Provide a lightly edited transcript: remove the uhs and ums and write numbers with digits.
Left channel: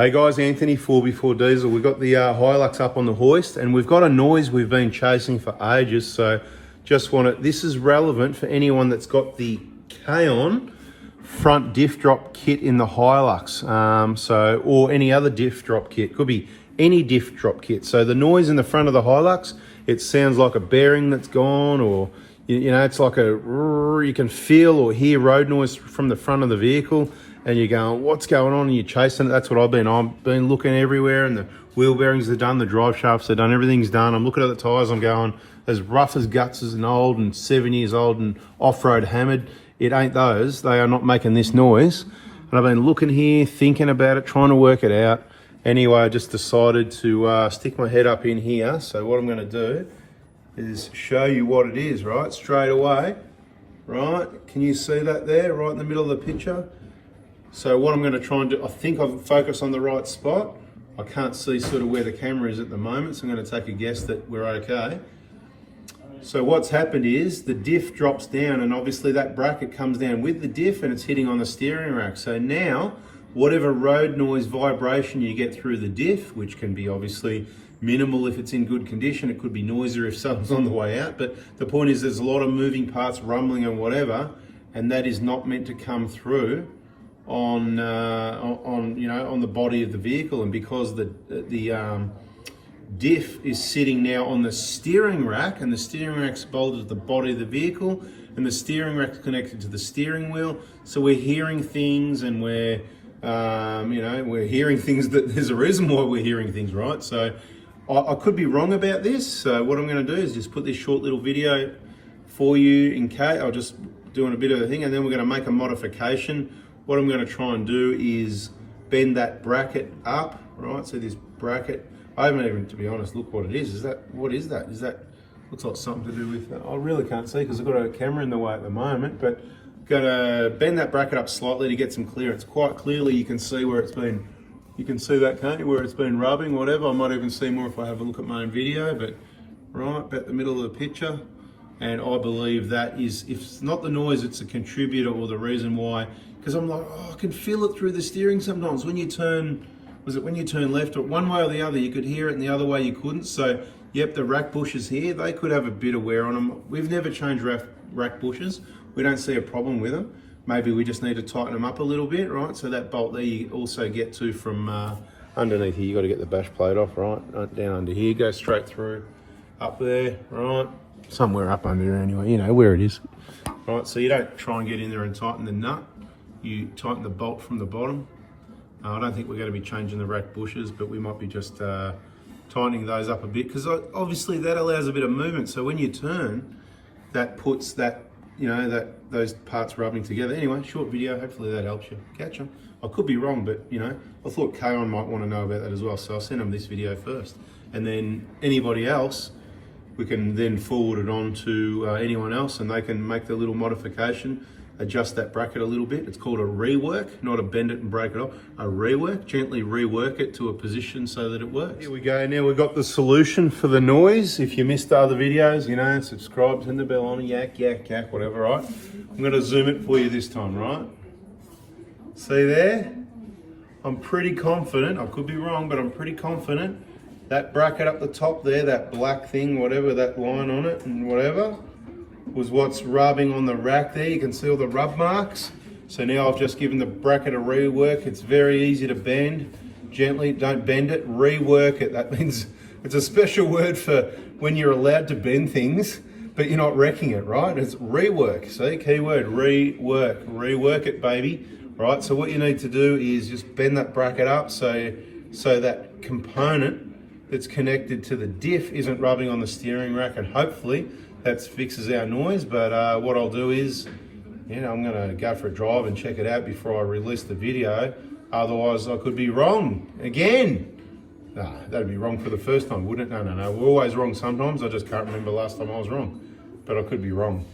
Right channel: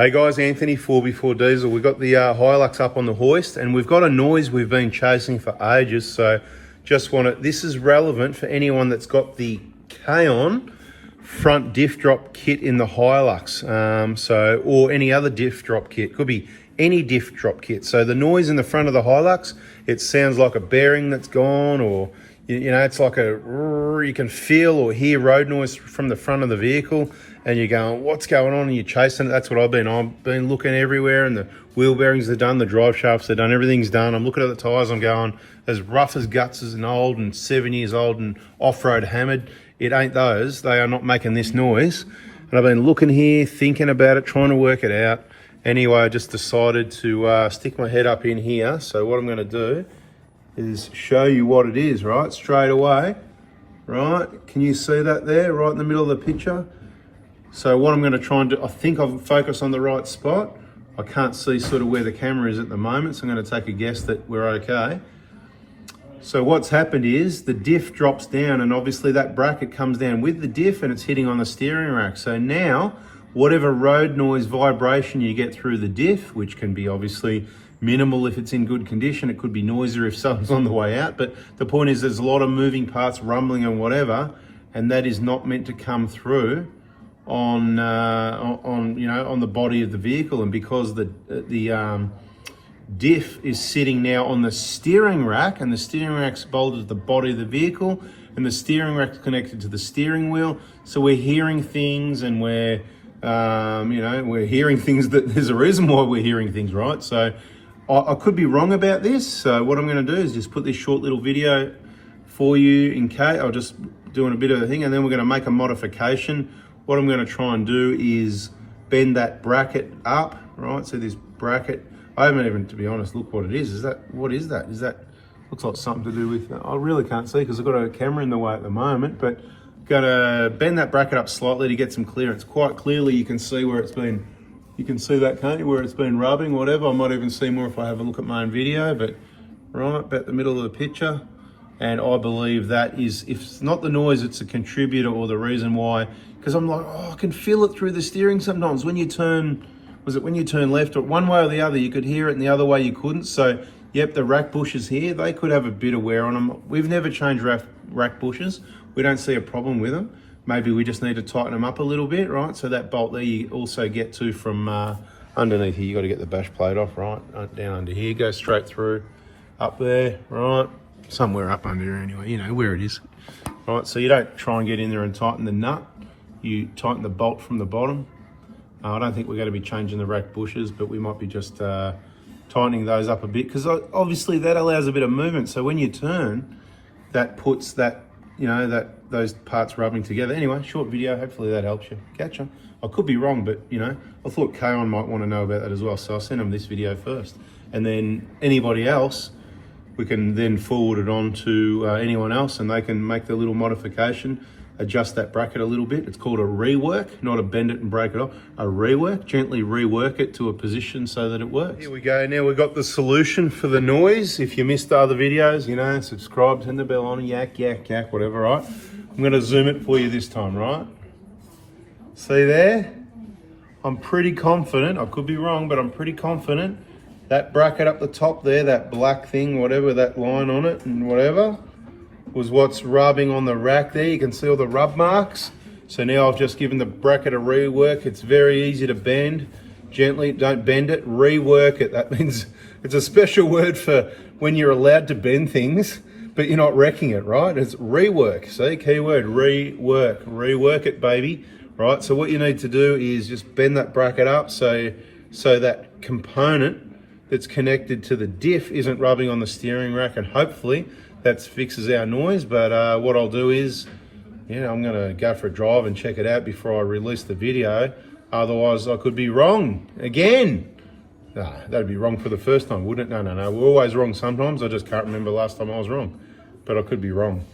Hey guys, Anthony, 4x4 Diesel. We've got the Hilux up on the hoist and we've got a noise we've been chasing for ages. So just this is relevant for anyone that's got the K-On front diff drop kit in the Hilux. Or any other diff drop kit. Could be any diff drop kit. So the noise in the front of the Hilux, it sounds like a bearing that's gone, or you know, it's like you can feel or hear road noise from the front of the vehicle, and you're going, what's going on? And you're chasing it. That's what I've been looking everywhere, and the wheel bearings are done, the drive shafts are done, everything's done. I'm looking at the tyres, I'm going, as rough as guts as an old and 7 years old and off-road hammered. It ain't those. They are not making this noise. And I've been looking here, thinking about it, trying to work it out. Anyway, I just decided to stick my head up in here. So what I'm going to do is show you what it is, right? Straight away, right? Can you see that there, right in the middle of the picture? So what I'm going to try and do, I think I've focused on the right spot. I can't see sort of where the camera is at the moment, so I'm going to take a guess that we're okay. So what's happened is the diff drops down, and obviously that bracket comes down with the diff and it's hitting on the steering rack. So now, whatever road noise vibration you get through the diff, which can be obviously minimal if it's in good condition, it could be noisier if someone's on the way out, but the point is there's a lot of moving parts, rumbling and whatever, and that is not meant to come through on the body of the vehicle. And because the diff is sitting now on the steering rack, and the steering rack's bolted to the body of the vehicle, and the steering rack's connected to the steering wheel, so we're hearing things, and we're hearing things that there's a reason why we're hearing things, right? So I could be wrong about this. So what I'm going to do is just put this short little video for you in case. I'm just doing a bit of a thing, and then we're going to make a modification. What I'm going to try and do is bend that bracket up, right? So this bracket, I haven't even, to be honest, look what it is. What is that? Is that, looks like something to do with, I really can't see because I've got a camera in the way at the moment, but got to bend that bracket up slightly to get some clearance. Quite clearly you can see where it's been, you can see that, can't you, where it's been rubbing, whatever. I might even see more if I have a look at my own video, but right about the middle of the picture. And I believe that is, if it's not the noise, it's a contributor or the reason why. Because I'm like, I can feel it through the steering sometimes. When you turn, when you turn left, or one way or the other, you could hear it, and the other way you couldn't. So, yep, the rack bushes here, they could have a bit of wear on them. We've never changed rack bushes. We don't see a problem with them. Maybe we just need to tighten them up a little bit, right? So that bolt there you also get to from underneath here. You got to get the bash plate off, right? Down under here, go straight through, up there, right? Somewhere up under here anyway, you know where it is. Right, so you don't try and get in there and tighten the nut. You tighten the bolt from the bottom. I don't think we're going to be changing the rack bushes, but we might be just tightening those up a bit, because obviously that allows a bit of movement. So when you turn, that puts that, those parts rubbing together. Anyway, short video, hopefully that helps you. Catch up. I could be wrong, but I thought K-On might want to know about that as well, so I'll send them this video first. And then anybody else, we can then forward it on to anyone else, and they can make the little modification, adjust that bracket a little bit. It's called a rework, not a bend it and break it off. A rework, gently rework it to a position so that it works. Here we go. Now we've got the solution for the noise. If you missed other videos, subscribe, turn the bell on, yak, whatever, right? I'm going to zoom it for you this time, right? See there? I'm pretty confident, I could be wrong, but I'm pretty confident that bracket up the top there, that black thing, whatever, that line on it and whatever, was what's rubbing on the rack there. You can see all the rub marks. So now I've just given the bracket a rework. It's very easy to bend. Gently, don't bend it, rework it. That means it's a special word for when you're allowed to bend things, but you're not wrecking it, right? It's rework. See, keyword, rework. Rework it, baby. Right, so what you need to do is just bend that bracket up so that component that's connected to the diff isn't rubbing on the steering rack, and hopefully that fixes our noise. But what I'll do is, I'm gonna go for a drive and check it out before I release the video. Otherwise I could be wrong again. No, that'd be wrong for the first time, wouldn't it? No, we're always wrong sometimes. I just can't remember the last time I was wrong, but I could be wrong.